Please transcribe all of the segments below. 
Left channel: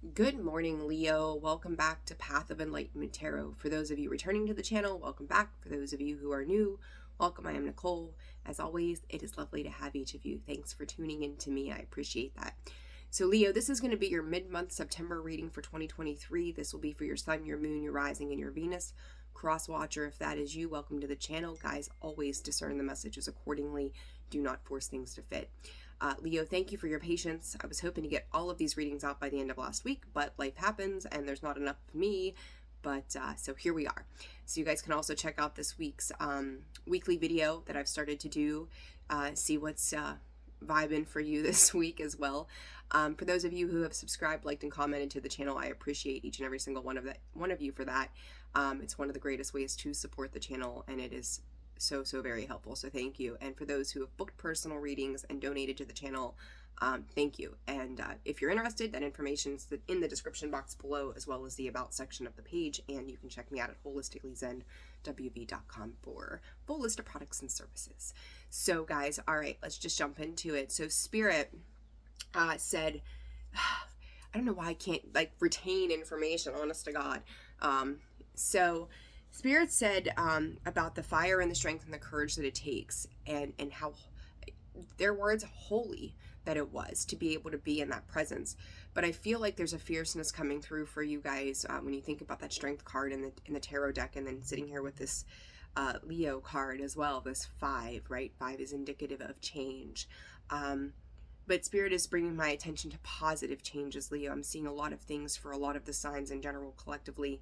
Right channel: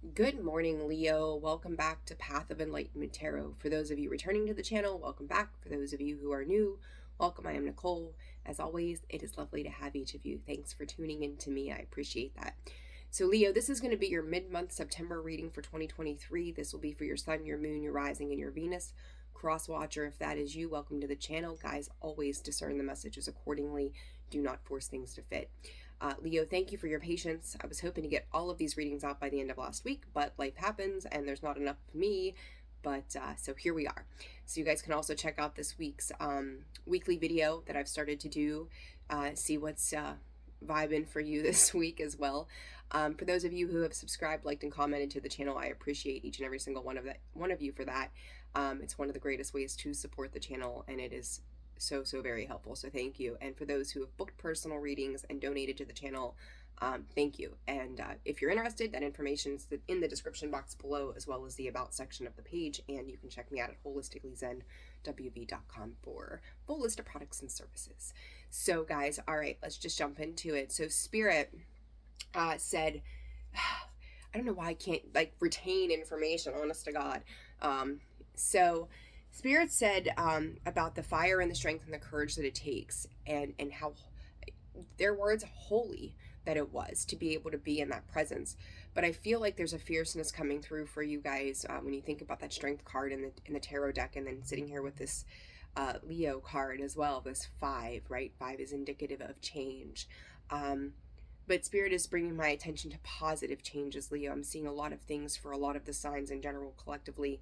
Good morning, Leo. Welcome back to Path of Enlightenment Tarot. For those of you returning to the channel, welcome back. For those of you who are new, welcome. I am Nicole. As always, it is lovely to have each of you. Thanks for tuning in to me. I appreciate that. So, Leo, this is going to be your mid-month September reading for 2023. This will be for your sun, your moon, your rising, and your Venus. Cross-watcher, if that is you, welcome to the channel. Guys, always discern the messages accordingly. Do not force things to fit. Leo, thank you for your patience. I was hoping to get all of these readings out by the end of last week, but life happens and there's not enough of me. But so here we are. So you guys can also check out this week's weekly video that I've started to do. See what's vibing for you this week as well. For those of you who have subscribed, liked, and commented to the channel, I appreciate each and every single one of you for that. It's one of the greatest ways to support the channel, and it is so very helpful, so thank you. And for those who have booked personal readings and donated to the channel, thank you. And if you're interested, that information is in the description box below, as well as the about section of the page, and you can check me out at holisticallyzenwv.com for full list of products and services. So guys, all right, let's just jump into it. So Spirit said, I don't know why I can't retain information, honest to God. So Spirit said about the fire and the strength and the courage that it takes, and how, their words, holy that it was to be able to be in that presence. But I feel like there's a fierceness coming through for you guys when you think about that strength card in the tarot deck, and then sitting here with this Leo card as well, this 5, right? 5 is indicative of change. But Spirit is bringing my attention to positive changes, Leo. I'm seeing a lot of things for a lot of the signs in general, collectively,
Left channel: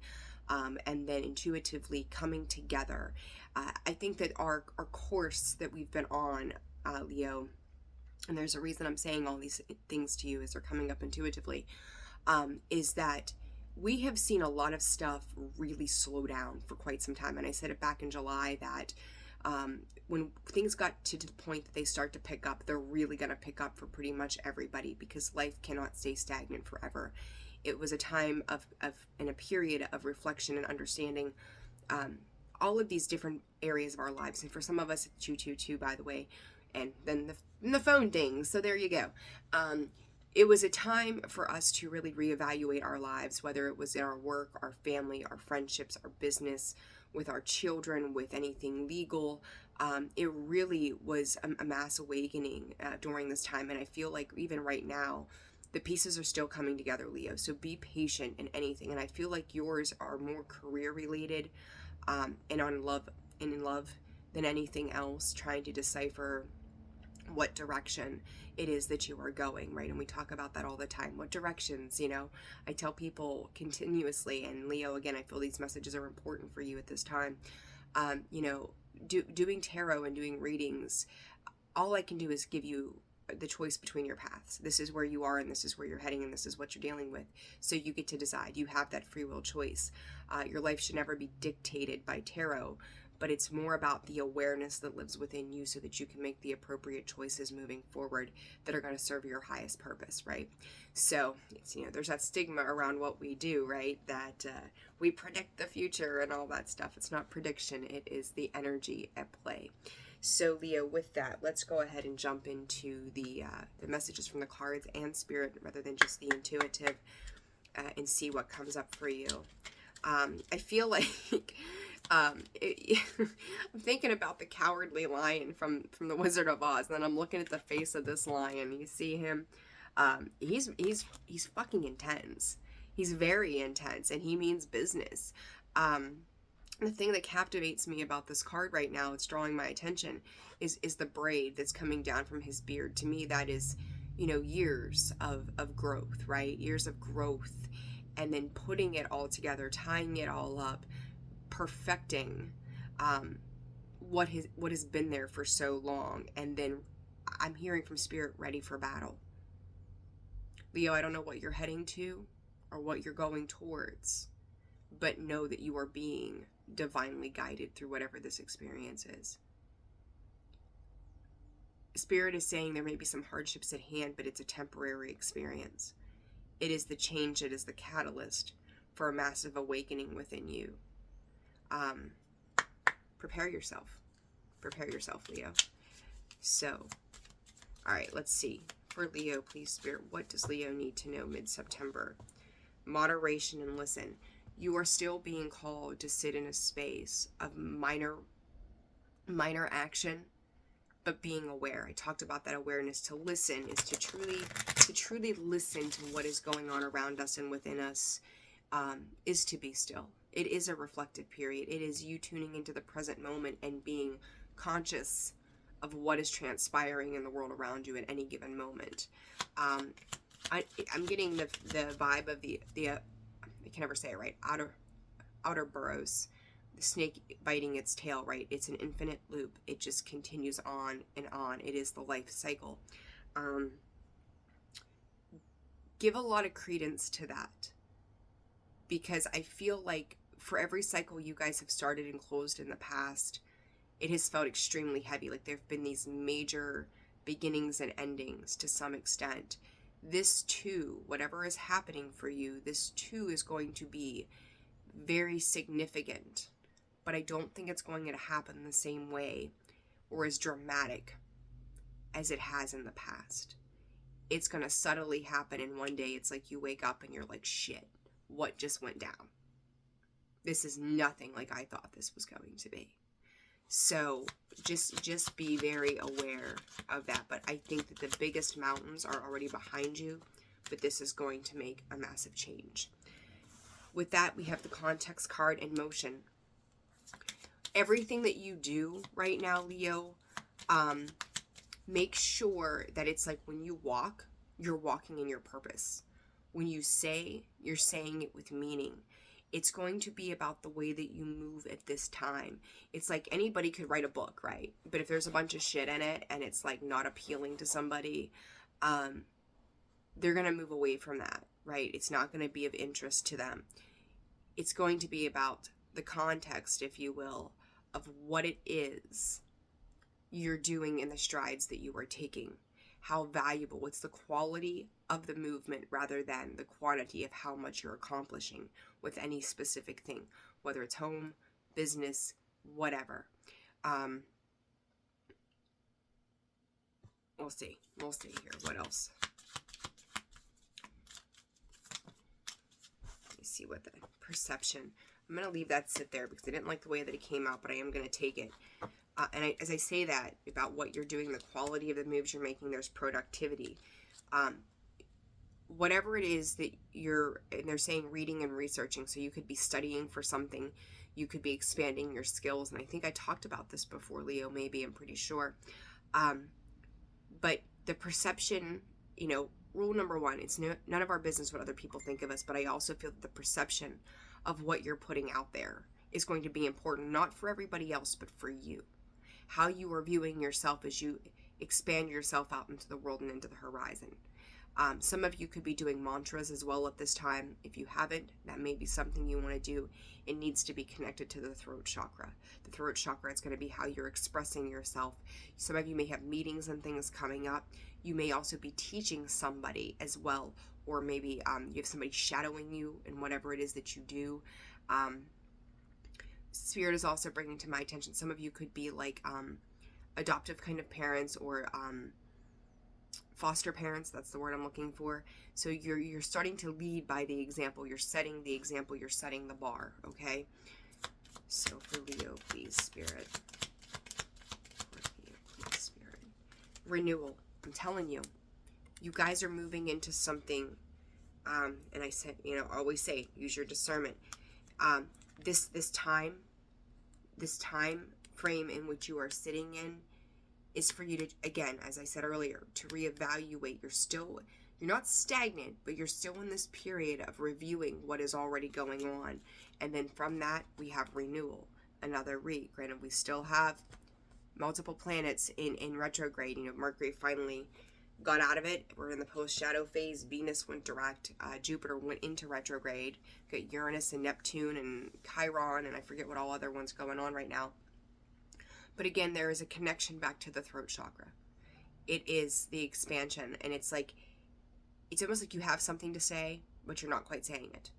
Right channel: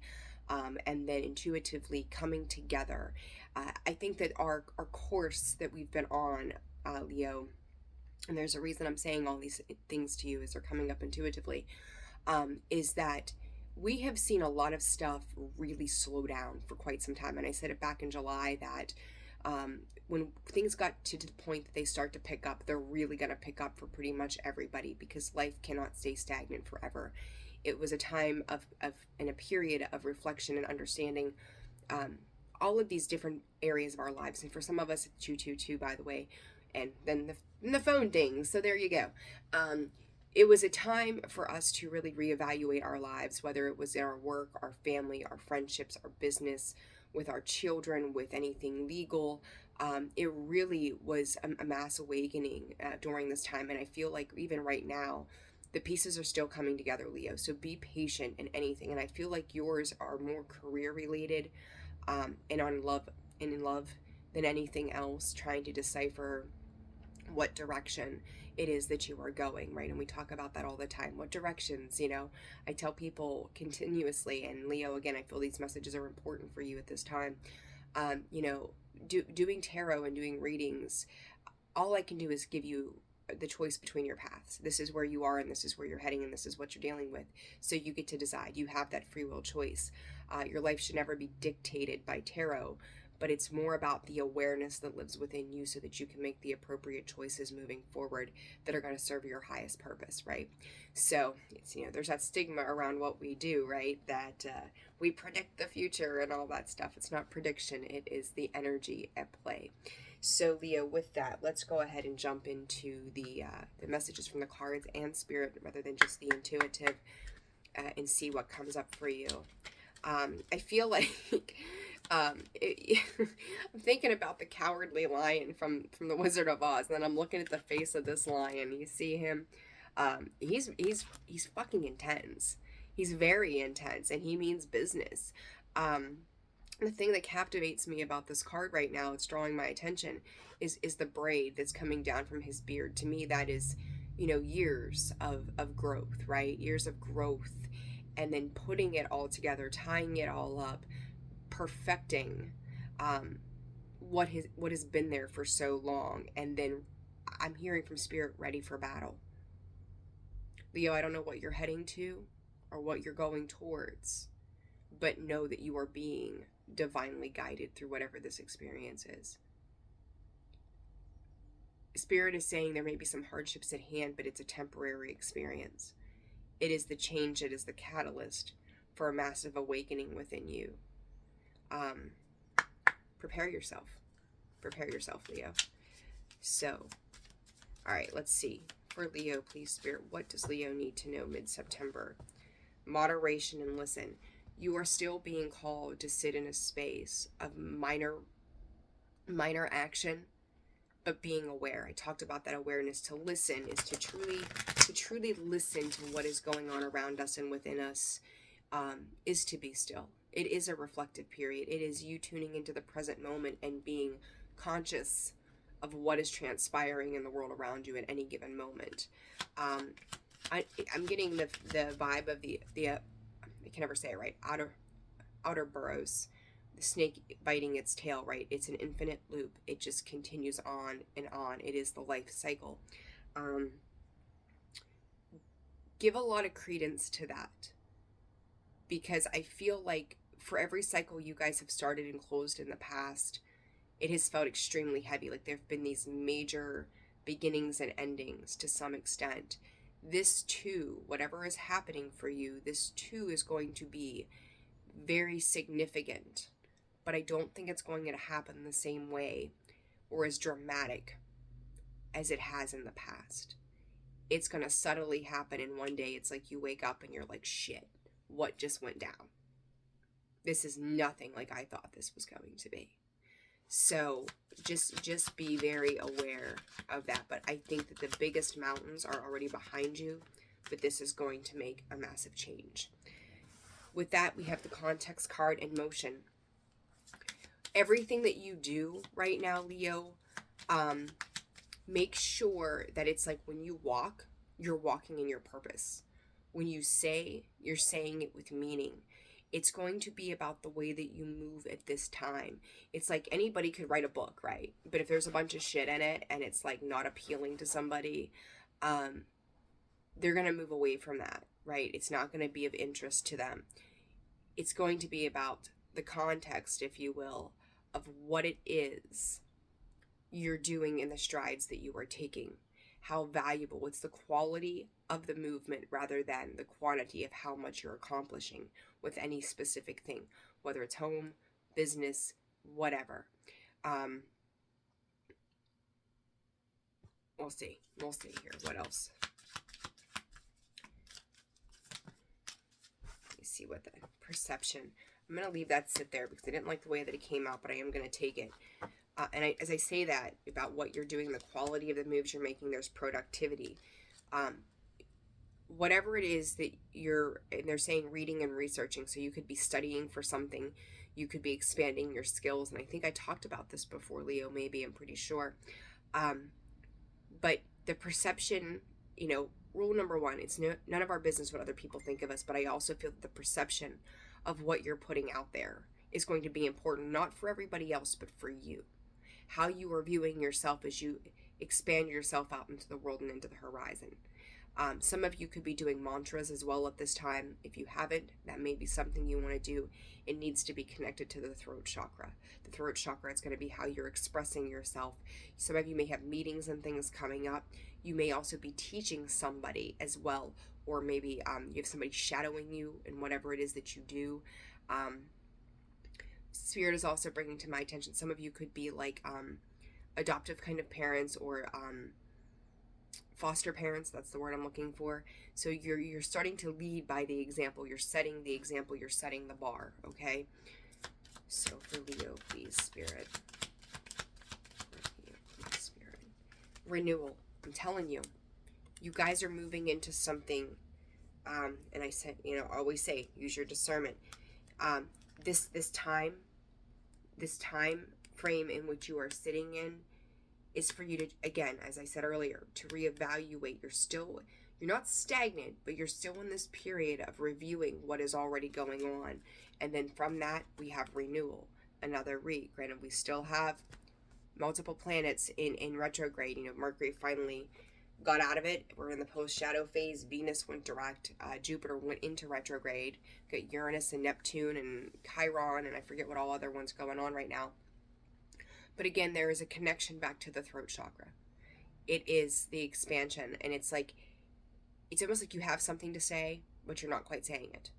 and then intuitively coming together. I think that our course that we've been on, Leo, and there's a reason I'm saying all these things to you as they're coming up intuitively, is that we have seen a lot of stuff really slow down for quite some time. And I said it back in July that when things got to the point that they start to pick up, they're really going to pick up for pretty much everybody, because life cannot stay stagnant forever. It was a time and a period of reflection and understanding all of these different areas of our lives. And for some of us, it's 222, by the way, and then the phone ding. So there you go. It was a time for us to really reevaluate our lives, whether it was in our work, our family, our friendships, our business, with our children, with anything legal. It really was a mass awakening during this time. And I feel like even right now, the pieces are still coming together, Leo. So be patient in anything. And I feel like yours are more career related and in love than anything else, trying to decipher what direction it is that you are going, right? And we talk about that all the time. What directions, I tell people continuously, and Leo, again, I feel these messages are important for you at this time. Doing tarot and doing readings, all I can do is give you the choice between your paths. This is where you are, and this is where you're heading, and this is what you're dealing with. So you get to decide. You have that free will choice. Your life should never be dictated by tarot, but it's more about the awareness that lives within you, so that you can make the appropriate choices moving forward that are going to serve your highest purpose, right? So it's, there's that stigma around what we do, right? That we predict the future and all that stuff. It's not prediction. It is the energy at play. So Leo, with that, let's go ahead and jump into the messages from the cards and Spirit, rather than just the intuitive, and see what comes up for you. I feel like I'm thinking about the cowardly lion from the Wizard of Oz, and then I'm looking at the face of this lion. You see him. He's fucking intense. He's very intense, and he means business. The thing that captivates me about this card right now, it's drawing my attention, is the braid that's coming down from his beard. To me, that is, years of growth, right? Years of growth, and then putting it all together, tying it all up, perfecting what has been there for so long. And then I'm hearing from Spirit, ready for battle. Leo, I don't know what you're heading to or what you're going towards, but know that you are being divinely guided through whatever this experience is. Spirit is saying there may be some hardships at hand, but it's a temporary experience. It is the change, it is the catalyst for a massive awakening within you. Prepare yourself, Leo. So, all right, let's see. For Leo, please, Spirit, what does Leo need to know mid-September? moderation, and listen. You are still being called to sit in a space of minor action, but being aware. I talked about that awareness. To listen is to truly listen to what is going on around us and within us, is to be still. It is a reflective period. It is you tuning into the present moment and being conscious of what is transpiring in the world around you at any given moment. I'm getting the vibe of the I can never say it right, outer burrows, the snake biting its tail, right? It's an infinite loop. It just continues on and on. It is the life cycle. Give a lot of credence to that, because I feel like for every cycle you guys have started and closed in the past, it has felt extremely heavy. Like there have been these major beginnings and endings to some extent. This too, whatever is happening for you, this too is going to be very significant, but I don't think it's going to happen the same way or as dramatic as it has in the past. It's going to subtly happen, and one day it's like you wake up and you're like, shit, what just went down? This is nothing like I thought this was going to be. So just be very aware of that. But I think that the biggest mountains are already behind you, but this is going to make a massive change. With that, we have the context card in motion. Everything that you do right now, Leo, make sure that it's like when you walk, you're walking in your purpose. When you say, you're saying it with meaning. It's going to be about the way that you move at this time. It's like anybody could write a book, right? But if there's a bunch of shit in it and it's like not appealing to somebody, they're going to move away from that, right? It's not going to be of interest to them. It's going to be about the context, if you will, of what it is you're doing in the strides that you are taking. How valuable, it's the quality of the movement rather than the quantity of how much you're accomplishing with any specific thing, whether it's home, business, whatever. We'll see here. What else? Let me see what the perception. I'm going to leave that sit there because I didn't like the way that it came out, but I am going to take it. As I say that about what you're doing, the quality of the moves you're making, there's productivity. Whatever it is that and they're saying reading and researching, so you could be studying for something, you could be expanding your skills, and I think I talked about this before, Leo, maybe, I'm pretty sure. But the perception, rule number one, it's none of our business what other people think of us, but I also feel that the perception of what you're putting out there is going to be important, not for everybody else, but for you. How you are viewing yourself as you expand yourself out into the world and into the horizon. Some of you could be doing mantras as well at this time. If you haven't, that may be something you want to do. It needs to be connected to the throat chakra. The throat chakra is going to be how you're expressing yourself. Some of you may have meetings and things coming up. You may also be teaching somebody as well, or maybe you have somebody shadowing you in whatever it is that you do. Spirit is also bringing to my attention, some of you could be like adoptive kind of parents, or foster parents. That's the word I'm looking for. So you're starting to lead by the example. You're setting the example. You're setting the bar. Okay. So for Leo, please, Spirit. Renewal. I'm telling you, you guys are moving into something. And I said, always say, use your discernment. This time frame in which you are sitting in is for you to, again, as I said earlier, to reevaluate. You're not stagnant, but you're still in this period of reviewing what is already going on. And then from that, we have renewal, another Granted, we still have multiple planets in retrograde. Mercury finally got out of it. We're in the post-shadow phase. Venus went direct. Jupiter went into retrograde. Got Uranus and Neptune and Chiron, and I forget what all other ones going on right now. But again, there is a connection back to the throat chakra. It is the expansion, and it's almost like you have something to say, but you're not quite saying it.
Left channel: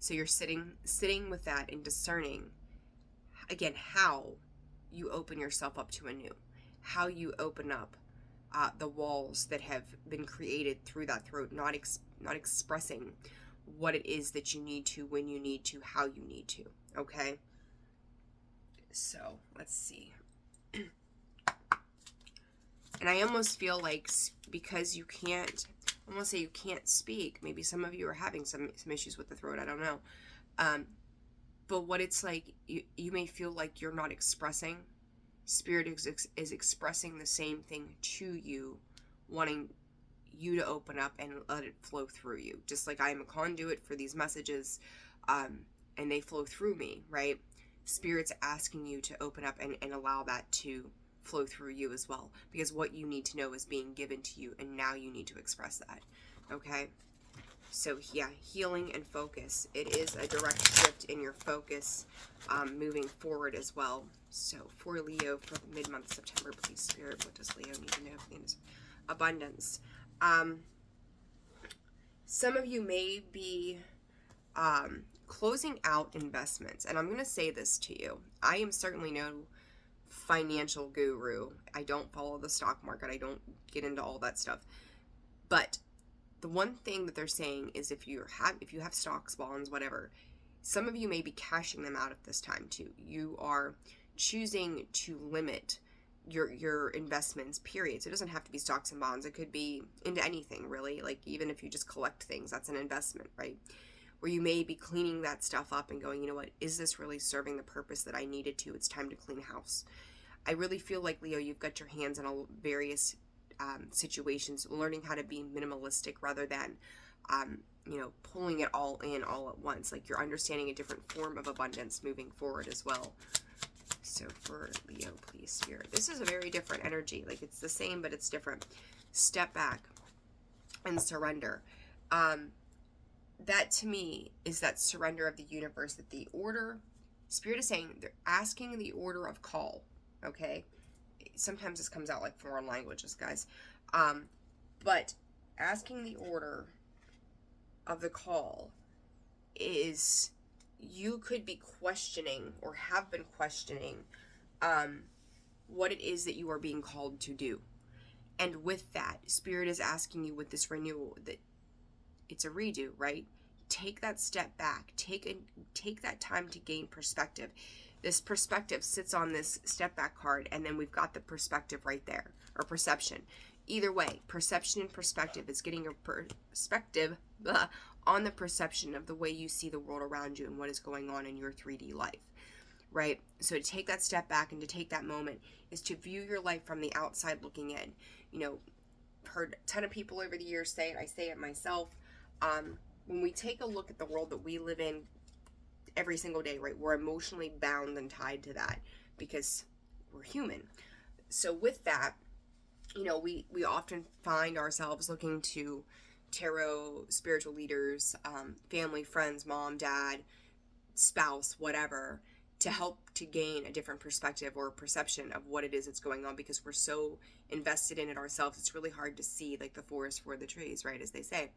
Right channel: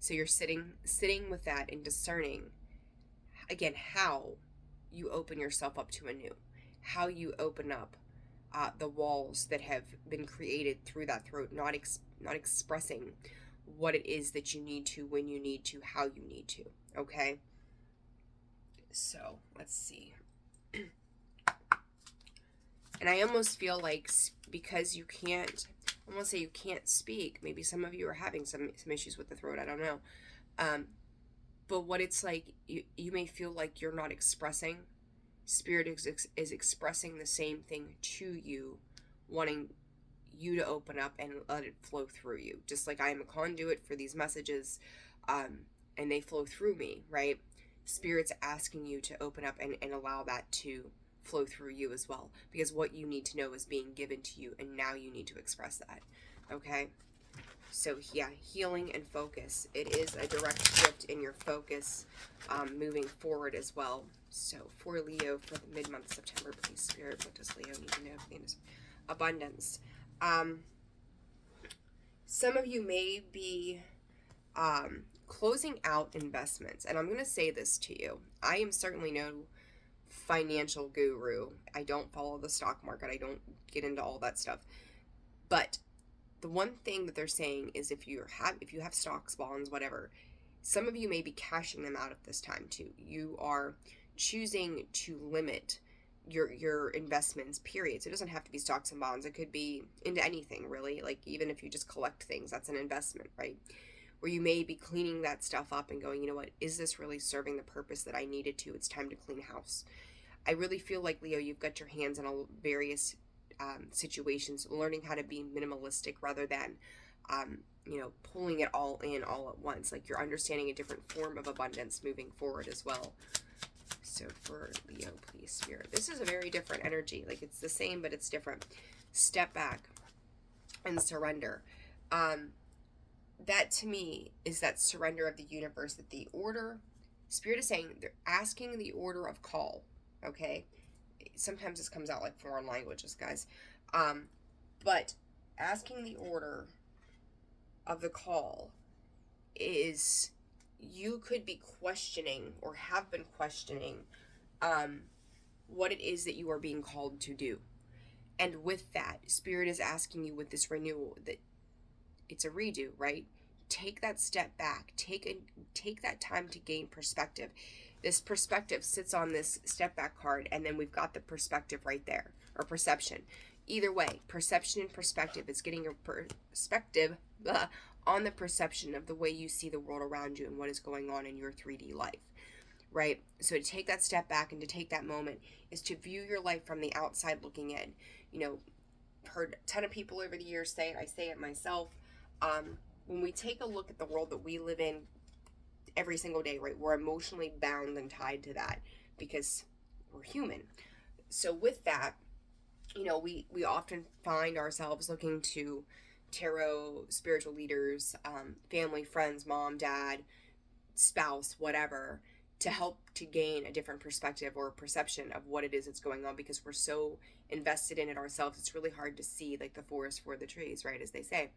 So you're sitting with that and discerning, again, how you open yourself up to anew, how you open up the walls that have been created through that throat, not expressing what it is that you need to, when you need to, how you need to, okay? So, let's see. And I almost feel like because you can't, I won't say you can't speak, maybe some of you are having some issues with the throat, I don't know. But what it's like, you may feel like you're not expressing. Spirit is expressing the same thing to you, wanting you to open up and let it flow through you. Just like I am a conduit for these messages, and they flow through me, right? Spirit's asking you to open up and allow that to flow through you as well, because what you need to know is being given to you, and now you need to express that, okay? So yeah, healing and focus. It is a direct shift in your focus, moving forward as well. So for Leo, for the mid-month September, please, Spirit, what does Leo need to know for this abundance? Some of you may be closing out investments, and I'm going to say this to you. I am certainly no financial guru. I don't follow the stock market. I don't get into all that stuff. But the one thing that they're saying is if you have stocks, bonds, whatever, some of you may be cashing them out at this time too. You are choosing to limit your investments, period. So it doesn't have to be stocks and bonds. It could be into anything, really. Like even if you just collect things, that's an investment, right? Where you may be cleaning that stuff up and going, you know what, is this really serving the purpose that I needed to? It's time to clean house. I really feel like, Leo, you've got your hands in all various situations, learning how to be minimalistic rather than, pulling it all in all at once. Like you're understanding a different form of abundance moving forward as well. So for Leo, please, Spirit. This is a very different energy. Like it's the same, but it's different. Step back and surrender. That to me is that surrender of the universe, that the order, Spirit is saying they're asking the order of call, okay? Sometimes this comes out like foreign languages, guys. But asking the order of the call is, you could be questioning or have been questioning what it is that you are being called to do. And with that, Spirit is asking you with this renewal that it's a redo, right? Take that step back. Take that time to gain perspective. This perspective sits on this step back card, and then we've got the perspective right there, or perception. Either way, perception and perspective is getting a perspective on the perception of the way you see the world around you and what is going on in your 3D life, right? So to take that step back and to take that moment is to view your life from the outside looking in. Heard a ton of people over the years say it. I say it myself. When we take a look at the world that we live in every single day, right, we're emotionally bound and tied to that because we're human. So with that, we often find ourselves looking to tarot, spiritual leaders, family, friends, mom, dad, spouse, whatever, to help to gain a different perspective or perception of what it is that's going on, because we're so invested in it ourselves. It's really hard to see like the forest for the trees, right, as they say.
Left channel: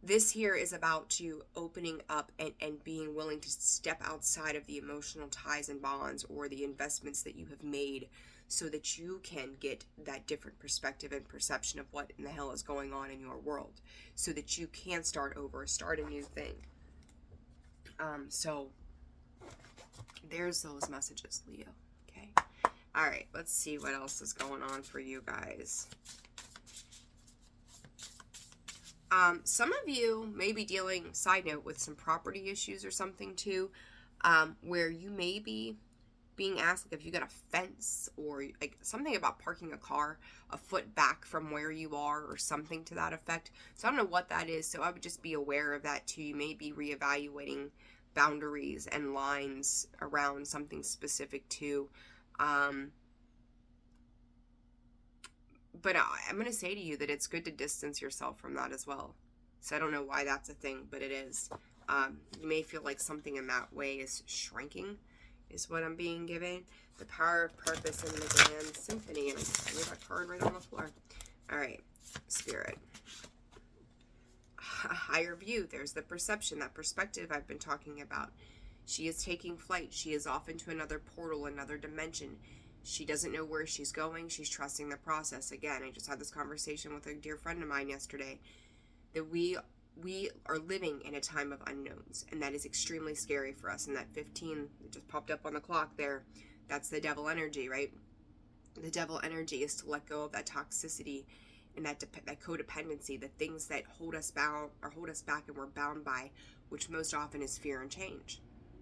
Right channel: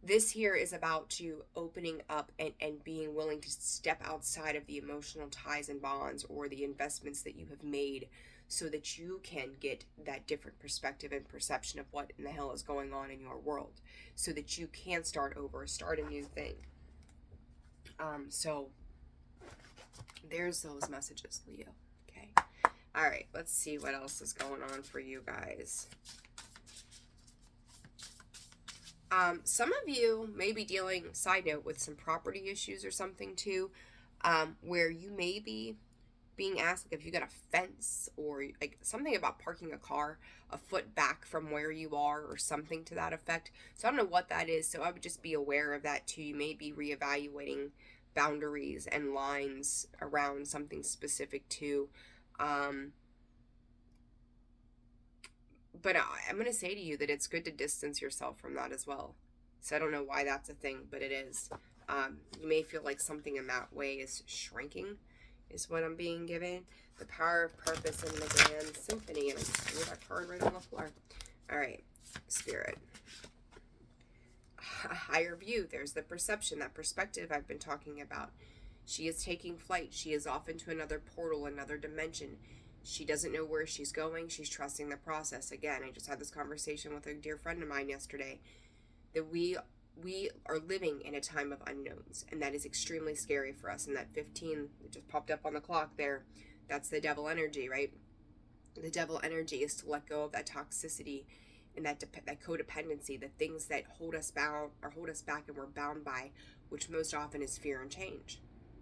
This here is about you opening up and being willing to step outside of the emotional ties and bonds or the investments that you have made, so that you can get that different perspective and perception of what in the hell is going on in your world, so that you can start over, start a new thing. So there's those messages, Leo. Okay. All right. Let's see what else is going on for you guys. Some of you may be dealing, side note, with some property issues or something too, where you may be being asked, like, if you got a fence or like something about parking a car a foot back from where you are or something to that effect. So I don't know what that is. So I would just be aware of that too. You may be reevaluating boundaries and lines around something specific too. But I'm going to say to you that it's good to distance yourself from that as well. So I don't know why that's a thing, but it is. You may feel like something in that way is shrinking, is what I'm being given. The power of purpose in the grand symphony. And I threw that card right on the floor. All right, Spirit. A higher view. There's the perception, that perspective I've been talking about. She is taking flight. She is off into another portal, another dimension. She doesn't know where she's going. She's trusting the process. Again, I just had this conversation with a dear friend of mine yesterday, that we we are living in a time of unknowns, and that is extremely scary for us. And that 15 that just popped up on the clock there, that's the devil energy, right? The devil energy is to let go of that toxicity and that codependency, the things that hold us bound or hold us back and we're bound by, which most often is fear and change.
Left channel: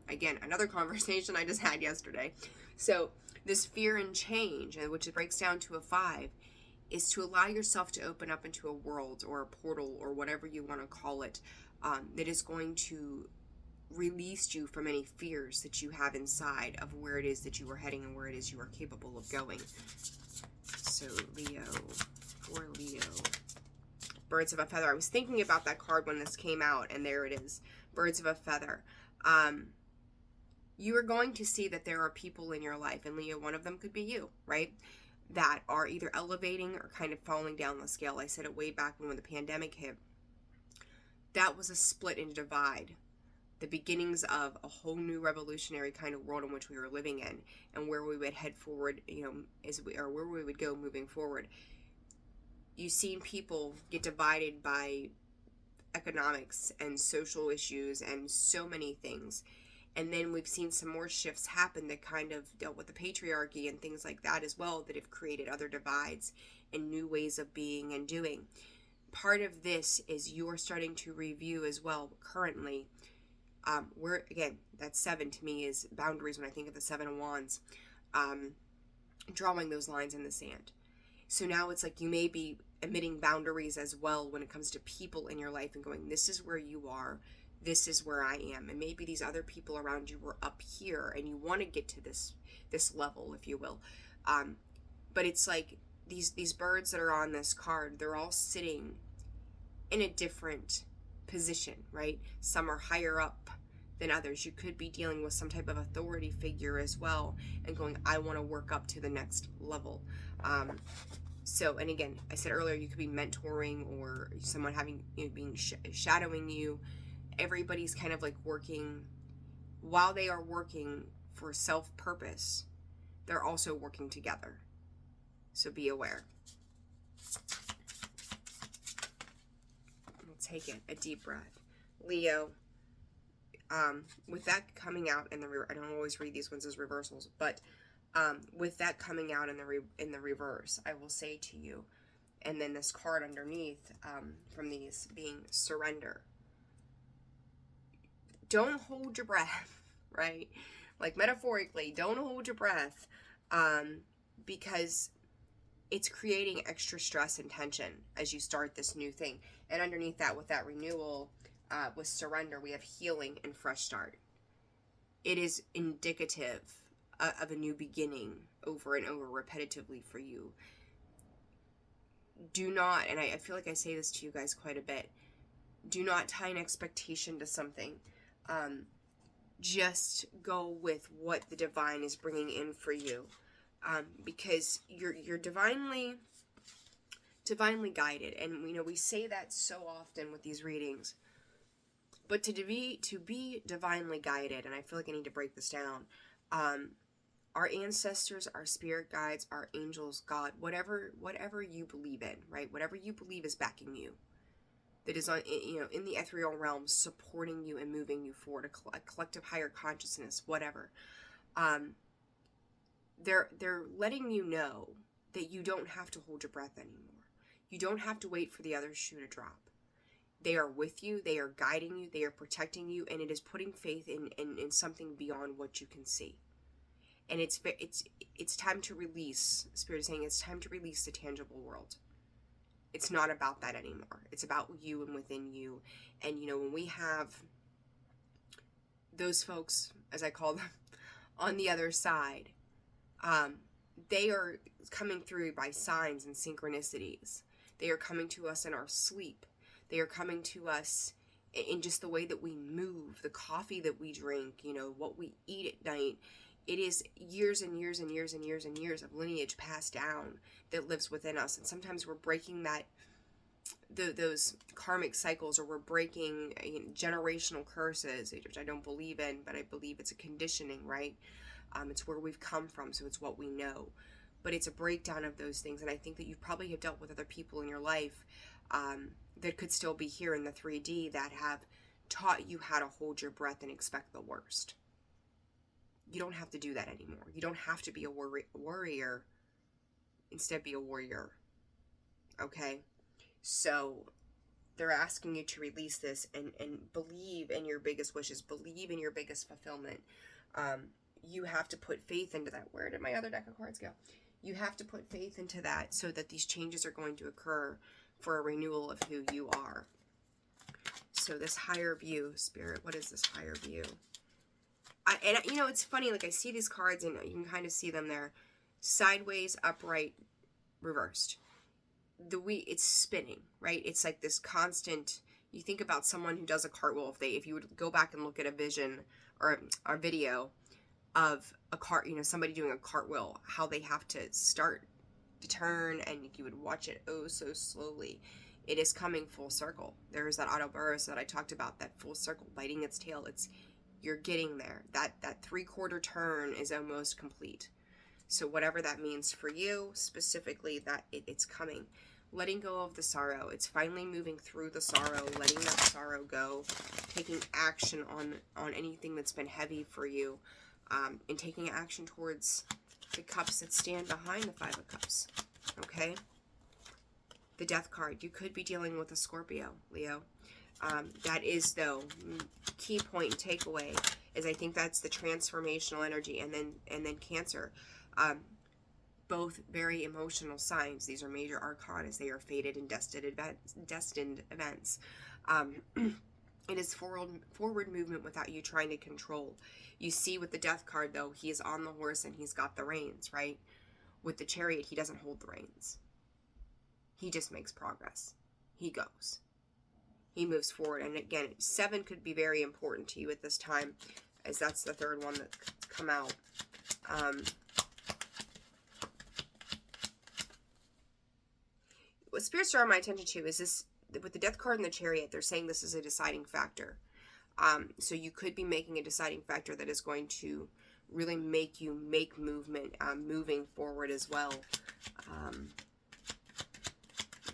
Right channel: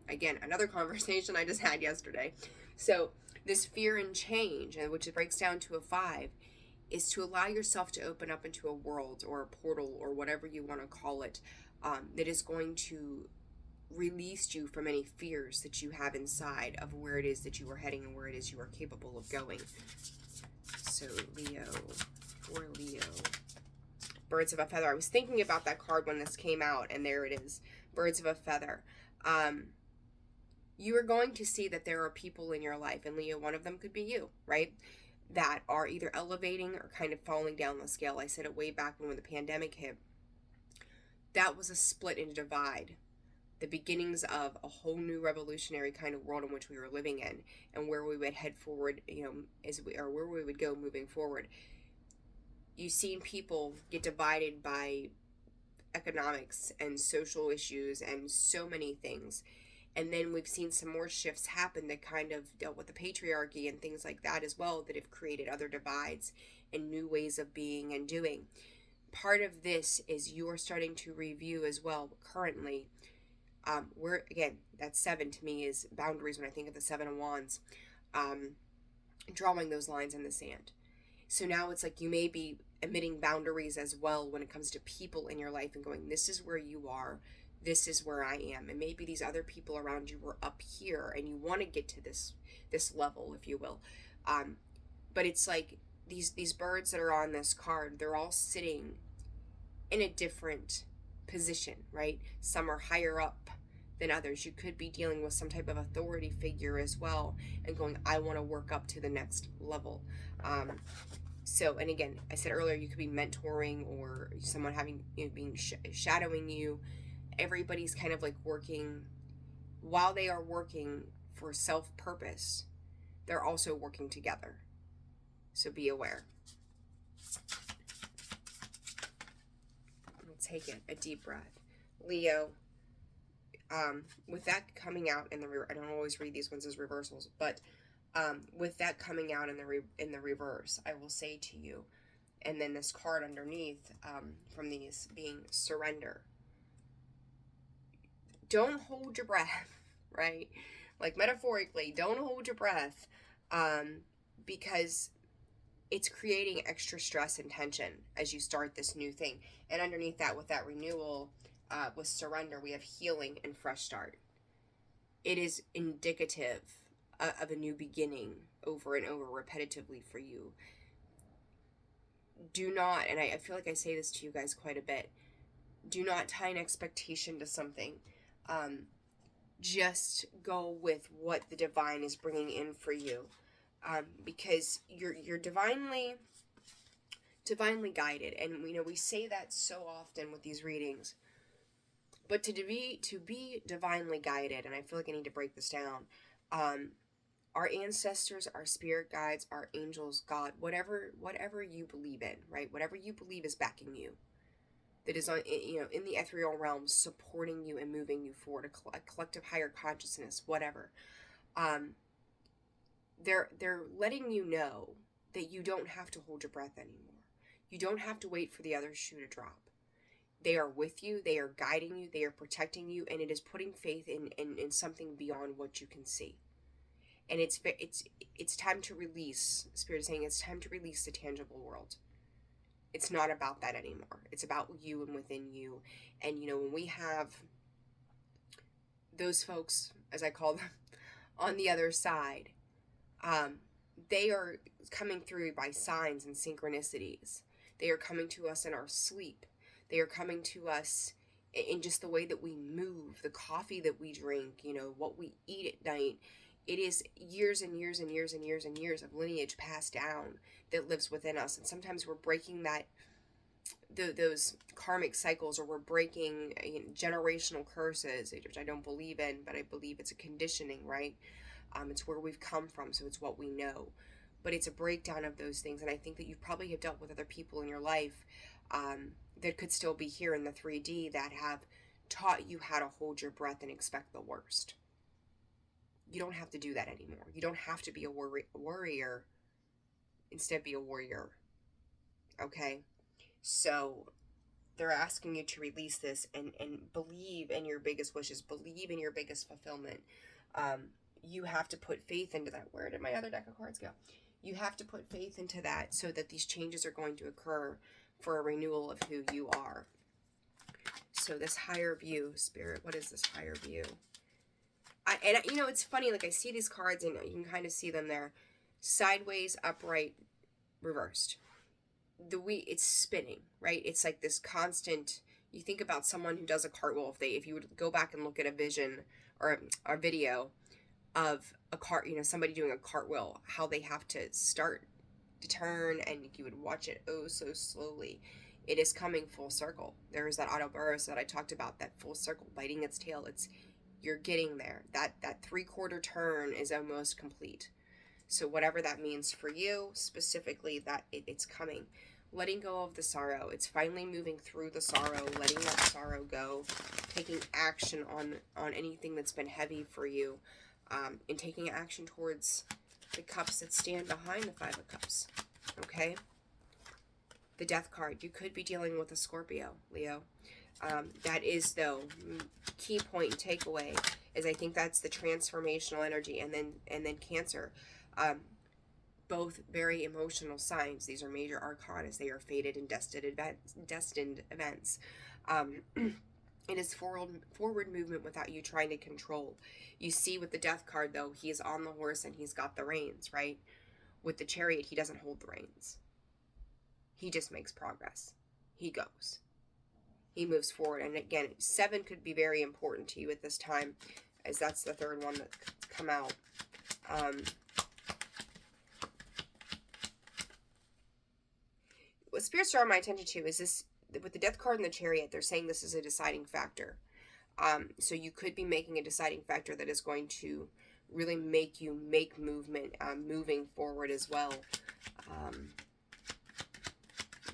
Again, another conversation I just had yesterday. So this fear and change, which it breaks down to a 5, is to allow yourself to open up into a world or a portal or whatever you want to call it, that is going to release you from any fears that you have inside of where it is that you are heading and where it is you are capable of going. So Leo, for Leo, birds of a feather. I was thinking about that card when this came out, and there it is, birds of a feather. You are going to see that there are people in your life, and Leo, one of them could be you, right? That are either elevating or kind of falling down the scale. I said it way back when the pandemic hit. That was a split and divide. The beginnings of a whole new revolutionary kind of world in which we were living in, and where we would head forward, or where we would go moving forward. You've seen people get divided by economics and social issues and so many things. And then we've seen some more shifts happen that kind of dealt with the patriarchy and things like that as well, that have created other divides and new ways of being and doing. Part of this is you're starting to review as well currently. Again, that 7 to me is boundaries when I think of the 7 of Wands, drawing those lines in the sand. So now it's like you may be emitting boundaries as well when it comes to people in your life and going, this is where you are, this is where I am. And maybe these other people around you were up here and you want to get to this level, if you will. But it's like these birds that are on this card, they're all sitting in a different position, right? Some are higher up than others. You could be dealing with some type of authority figure as well and going, I want to work up to the next level. So, and again, I said earlier, you could be mentoring or someone having, being shadowing you. Everybody's kind of like working, while they are working for self-purpose, they're also working together. So be aware. We'll take it, a deep breath. Leo, with that coming out in the, I don't always read these ones as reversals, but with that coming out in the reverse, I will say to you, and then this card underneath from these being surrender. Don't hold your breath, right? Like metaphorically, don't hold your breath, because it's creating extra stress and tension as you start this new thing. And underneath that, with that renewal, with surrender, we have healing and fresh start. It is indicative of a new beginning over and over repetitively for you. Do not, and I feel like I say this to you guys quite a bit, do not tie an expectation to something. Just go with what the divine is bringing in for you, because you're divinely guided. And we say that so often with these readings, but to be divinely guided, and I feel like I need to break this down, our ancestors, our spirit guides, our angels, God, whatever you believe in, right? Whatever you believe is backing you. That is on, in the ethereal realm, supporting you and moving you forward, a collective higher consciousness, whatever. They're letting you know that you don't have to hold your breath anymore. You don't have to wait for the other shoe to drop. They are with you. They are guiding you. They are protecting you, and it is putting faith in something beyond what you can see. And it's time to release. Spirit is saying it's time to release the tangible world. It's not about that anymore. It's about you and within you. And, when we have those folks, as I call them, on the other side, they are coming through by signs and synchronicities. They are coming to us in our sleep. They are coming to us in just the way that we move, the coffee that we drink, what we eat at night. It is years and years and years and years and years of lineage passed down that lives within us. And sometimes we're breaking those karmic cycles, or we're breaking generational curses, which I don't believe in, but I believe it's a conditioning, right? It's where we've come from, so it's what we know. But it's a breakdown of those things. And I think that you probably have dealt with other people in your life that could still be here in the 3D that have taught you how to hold your breath and expect the worst. You don't have to do that anymore. You don't have to be a warrior. Instead, be a warrior. Okay? So they're asking you to release this and believe in your biggest wishes. Believe in your biggest fulfillment. You have to put faith into that. Where did my other deck of cards go? You have to put faith into that so that these changes are going to occur for a renewal of who you are. So this higher view, Spirit, what is this higher view? And you know, it's funny, like I see these cards and you can kind of see them there. Sideways, upright, reversed. It's spinning, right? It's like this constant, you think about someone who does a cartwheel, if you would go back and look at a vision or a video of somebody doing a cartwheel, how they have to start to turn and you would watch it oh so slowly. It is coming full circle. There's that autoburst that I talked about, that full circle, biting its tail. You're getting there. That 3/4 turn is almost complete. So whatever that means for you, specifically, that it's coming. Letting go of the sorrow. It's finally moving through the sorrow, letting that sorrow go, taking action on anything that's been heavy for you, and taking action towards the cups that stand behind the 5 of Cups. Okay? The Death card. You could be dealing with a Scorpio, Leo. That is, though, key point and takeaway is I think that's the transformational energy, and then Cancer. Both very emotional signs. These are major arcana. They are fated and destined events. It is forward movement without you trying to control. You see with the Death card, though, he is on the horse and he's got the reins, right? With the Chariot, he doesn't hold the reins. He just makes progress. He goes. He moves forward. And again, 7 could be very important to you at this time, as that's the third one that's come out. What spirits draw my attention to is this, with the Death card and the Chariot, they're saying this is a deciding factor. So you could be making a deciding factor that is going to really make you make movement, moving forward as well.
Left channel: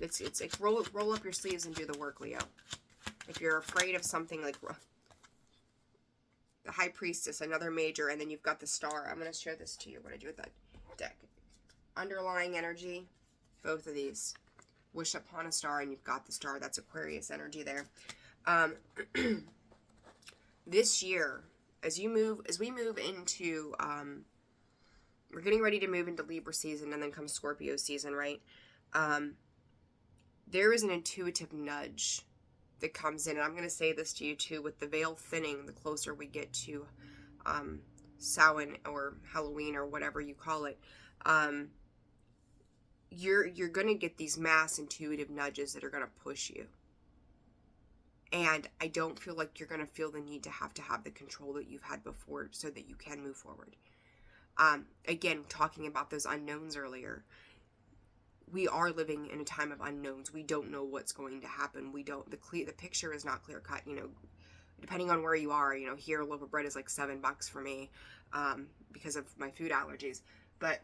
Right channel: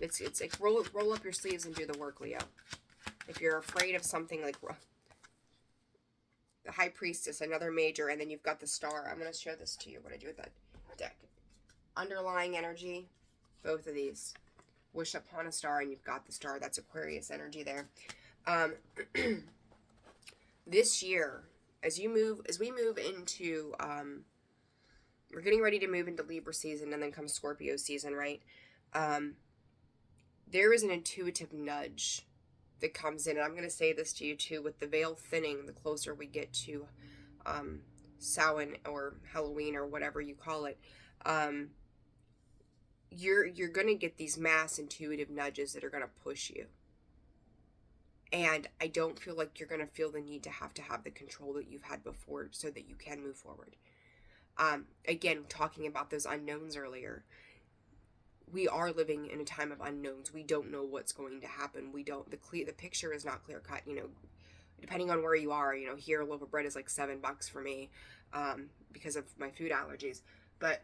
It's like roll up your sleeves and do the work, Leo. If you're afraid of something like the High Priestess, another major, and then you've got the Star. I'm going to show this to you, what I do with that deck. Underlying energy, both of these. Wish upon a star, and you've got the Star. That's Aquarius energy there. This year, as we move into, we're getting ready to move into Libra season, and then comes Scorpio season, right? There is an intuitive nudge that comes in, and I'm going to say this to you too, with the veil thinning, the closer we get to Samhain or Halloween or whatever you call it, you're going to get these mass intuitive nudges that are going to push you. And I don't feel like you're going to feel the need to have the control that you've had before so that you can move forward. Again, talking about those unknowns earlier, we are living in a time of unknowns. We don't know what's going to happen. The picture is not clear cut, depending on where you are. Here a loaf of bread is like $7 for me, because of my food allergies. But,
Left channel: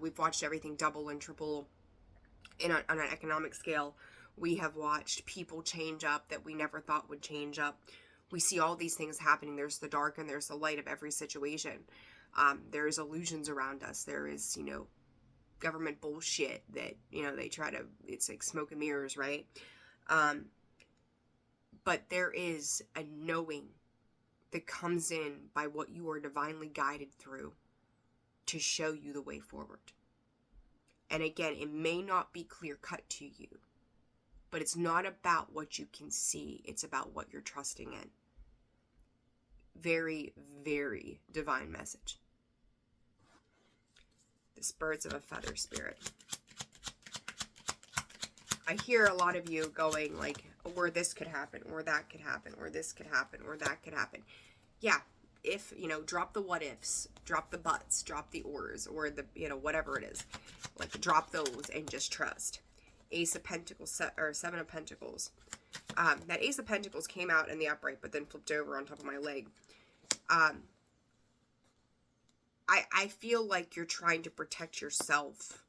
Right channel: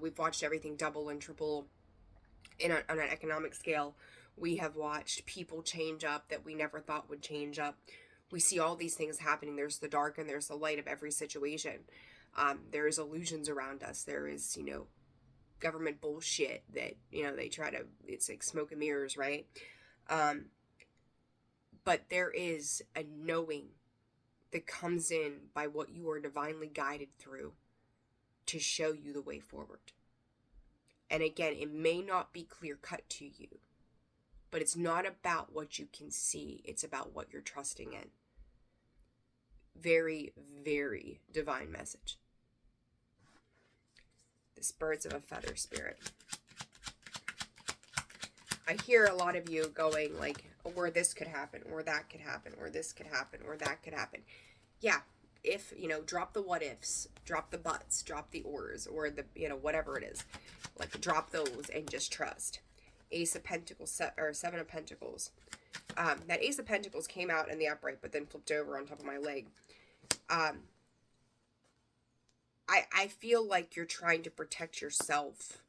we've watched everything double and triple on an economic scale. We have watched people change up that we never thought would change up. We see all these things happening. There's the dark and there's the light of every situation. There's illusions around us. There is, government bullshit that, they try to, it's like smoke and mirrors, right? But there is a knowing that comes in by what you are divinely guided through to show you the way forward. And again, it may not be clear cut to you, but it's not about what you can see. It's about what you're trusting in. Very, very divine message. This Birds of a Feather spirit. I hear a lot of you going like, or this could happen, or that could happen, or this could happen, or that could happen. Yeah, if, drop the what ifs, drop the buts, drop the ors, or the, whatever it is. Like, drop those and just trust. Ace of Pentacles, or 7 of Pentacles. That Ace of Pentacles came out in the upright, but then flipped over on top of my leg. I feel like you're trying to protect yourself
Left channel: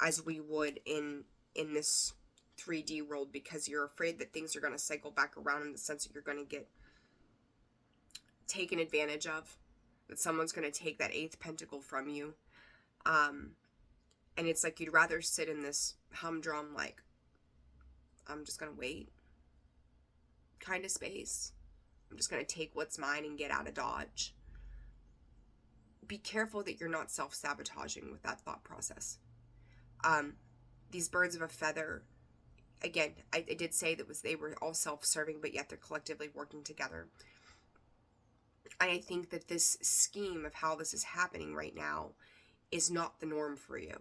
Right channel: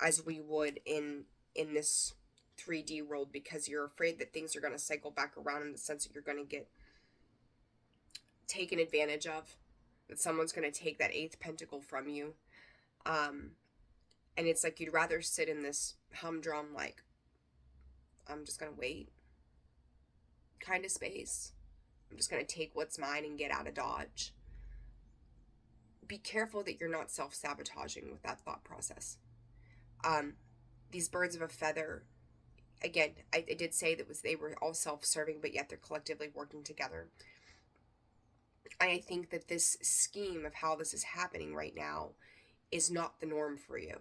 as we would in this 3D world because you're afraid that things are going to cycle back around in the sense that you're going to get taken advantage of, that someone's going to take that 8th pentacle from you. And it's like you'd rather sit in this humdrum, like, I'm just going to wait kind of space. I'm just going to take what's mine and get out of Dodge. Be careful that you're not self-sabotaging with that thought process. These birds of a feather, again, I did say that they were all self-serving, but yet they're collectively working together. I think that this scheme of how this is happening right now is not the norm for you.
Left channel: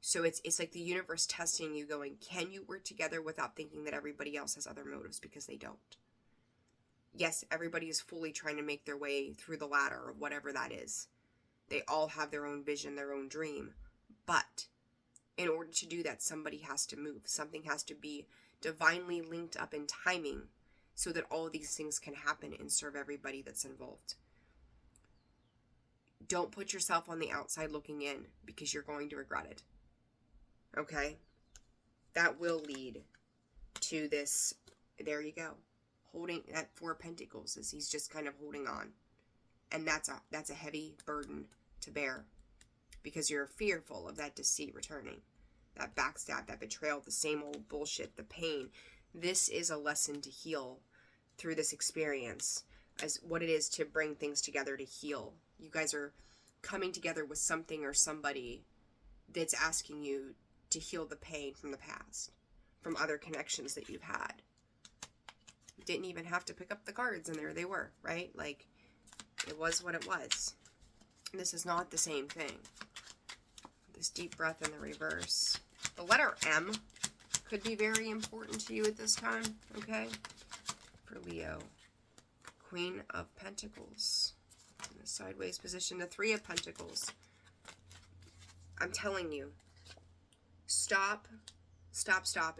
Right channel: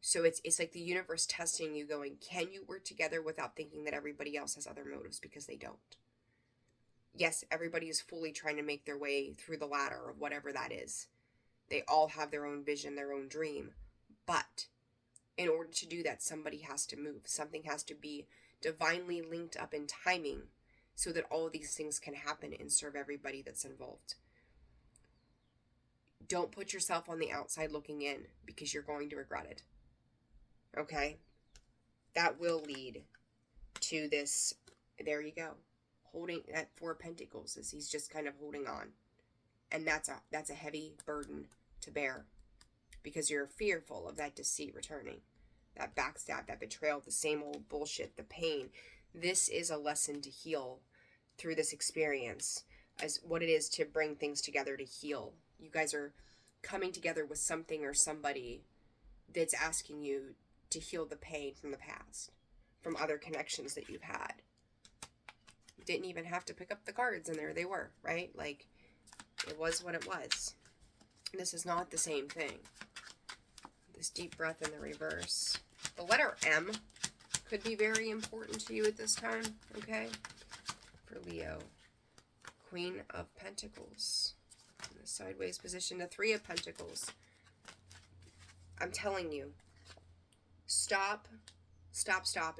So it's like the universe testing you, going, can you work together without thinking that everybody else has other motives? Because they don't. Yes, everybody is fully trying to make their way through the ladder of whatever that is. They all have their own vision, their own dream. But in order to do that, somebody has to move. Something has to be divinely linked up in timing so that all of these things can happen and serve everybody that's involved. Don't put yourself on the outside looking in, because you're going to regret it. Okay? That will lead to this, there you go. Holding that 4 of Pentacles, as he's just kind of holding on. And that's a heavy burden to bear, because you're fearful of that deceit returning, that backstab, that betrayal, the same old bullshit, the pain. This is a lesson to heal through this experience, as what it is to bring things together to heal. You guys are coming together with something or somebody that's asking you to heal the pain from the past, from other connections that you've had. You didn't even have to pick up the cards, and there they were, right? Like, it was what it was. This is not the same thing. This deep breath in the reverse. The letter M could be very important to you at this time, okay? For Leo. Queen of Pentacles. In the sideways position, the 3 of Pentacles. I'm telling you, stop.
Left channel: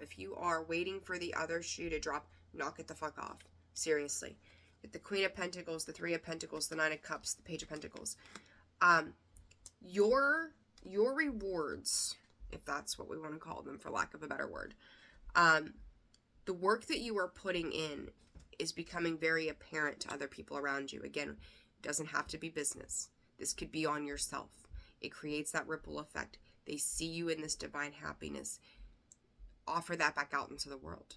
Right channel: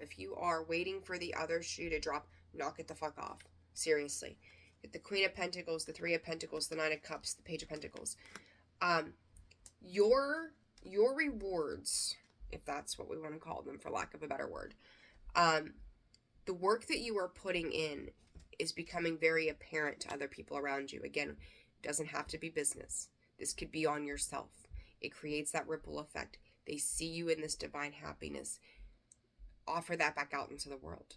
If you are waiting for the other shoe to drop, knock it the fuck off. Seriously. Get the Queen of Pentacles, the 3 of Pentacles, the 9 of Cups, the Page of Pentacles. Your rewards, if that's what we want to call them, for lack of a better word, the work that you are putting in is becoming very apparent to other people around you. Again, it doesn't have to be business. This could be on yourself. It creates that ripple effect. They see you in this divine happiness. Offer that back out into the world.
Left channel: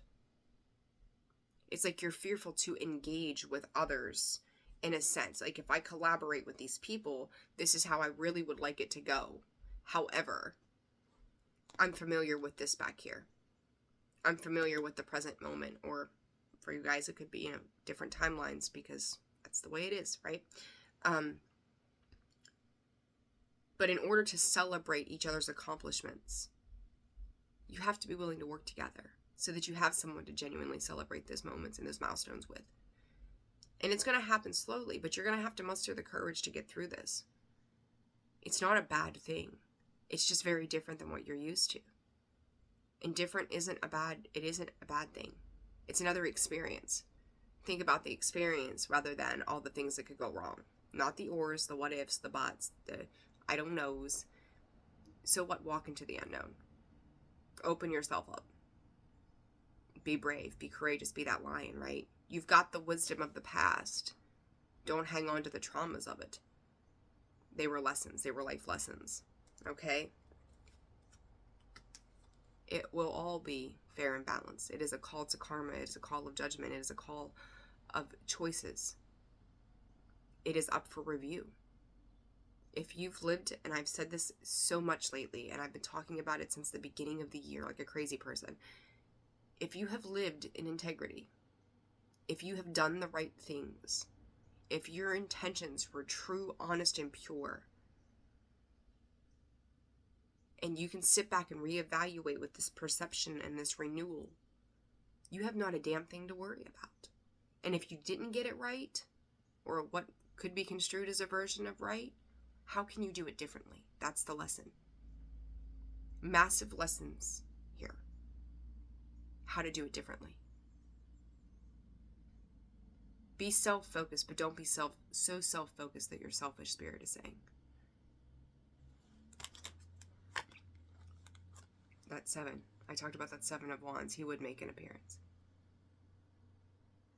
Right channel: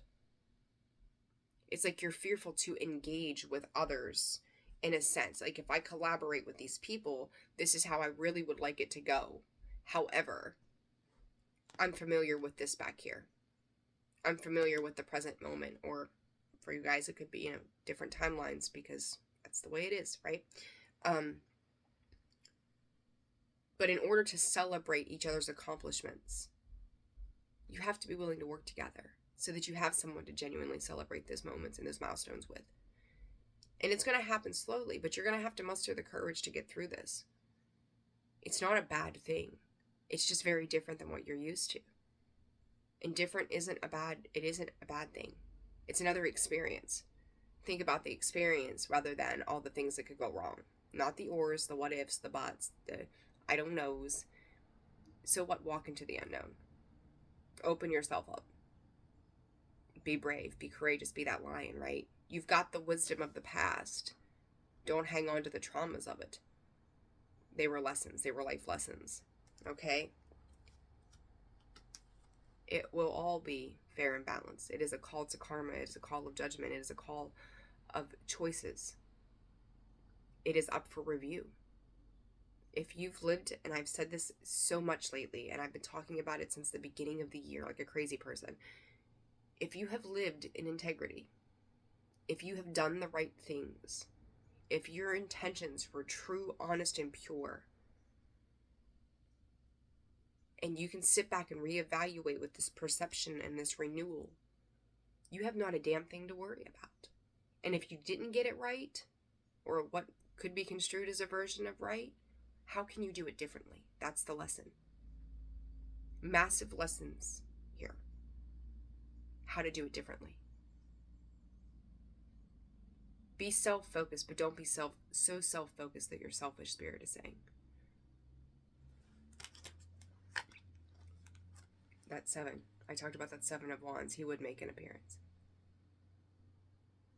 It's like you're fearful to engage with others, in a sense. Like, if I collaborate with these people, this is how I really would like it to go. However, I'm familiar with this back here. I'm familiar with the present moment. Or for you guys, it could be, different timelines, because that's the way it is, right? But in order to celebrate each other's accomplishments, you have to be willing to work together so that you have someone to genuinely celebrate those moments and those milestones with. And it's going to happen slowly, but you're going to have to muster the courage to get through this. It's not a bad thing. It's just very different than what you're used to. And different isn't a bad thing. It's another experience. Think about the experience rather than all the things that could go wrong. Not the ors, the what ifs, the buts, the I don't knows. So what? Walk into the unknown. Open yourself up. Be brave, be courageous, be that lion, right? You've got the wisdom of the past. Don't hang on to the traumas of it. They were lessons. They were life lessons. Okay? It will all be fair and balanced. It is a call to karma. It is a call of judgment. It is a call of choices. It is up for review. If you've lived, and I've said this so much lately, and I've been talking about it since the beginning of the year like a crazy person. If you have lived in integrity, if you have done the right things, if your intentions were true, honest, and pure, and you can sit back and reevaluate with this perception and this renewal, you have not a damn thing to worry about. And if you didn't get it right, or what could be construed as a version of right, how can you do it differently? That's the lesson. Massive lessons here. How to do it differently. Be self-focused, but don't be so self-focused that you're selfish, Spirit is saying. That's 7. I talked about that Seven of Wands. He would make an appearance.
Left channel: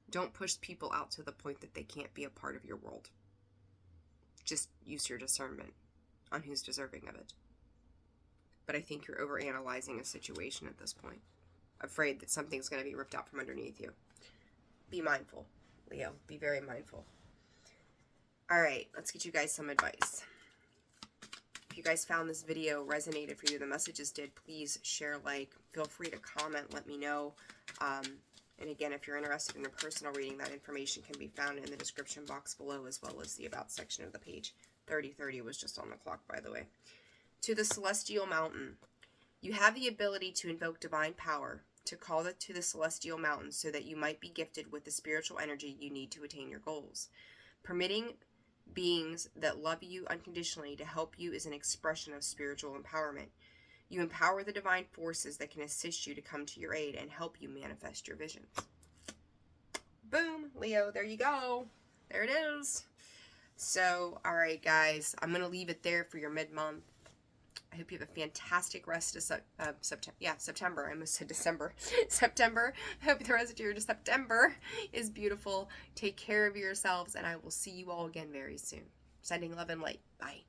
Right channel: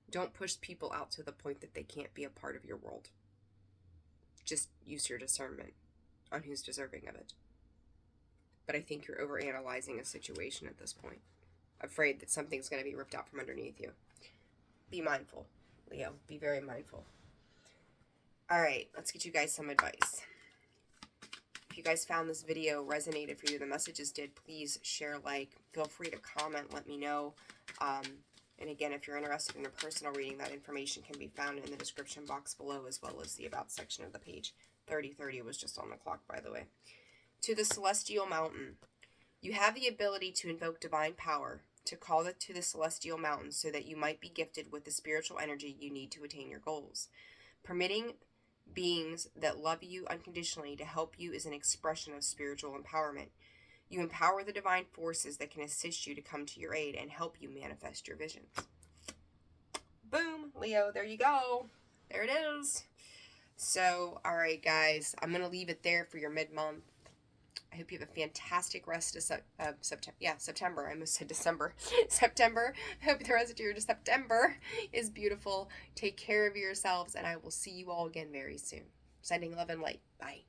Don't push people out to the point that they can't be a part of your world. Just use your discernment on who's deserving of it. But I think you're overanalyzing a situation at this point. Afraid that something's going to be ripped out from underneath you. Be mindful, Leo. Be very mindful. All right, let's get you guys some advice. If you guys found this video resonated for you, the messages did, please share, like, feel free to comment, let me know. And again, if you're interested in a personal reading, that information can be found in the description box below, as well as the About section of the page. 3030 was just on the clock, by the way. To the Celestial Mountain. You have the ability to invoke divine power, to call it to the Celestial Mountain so that you might be gifted with the spiritual energy you need to attain your goals. Permitting beings that love you unconditionally to help you is an expression of spiritual empowerment. You empower the divine forces that can assist you to come to your aid and help you manifest your visions. Boom, Leo, there you go. There it is. So, all right, guys, I'm going to leave it there for your mid-month. I hope you have a fantastic rest of September. Yeah, September. I almost said December. September. I hope the rest of your September is beautiful. Take care of yourselves, and I will see you all again very soon. Sending love and light. Bye.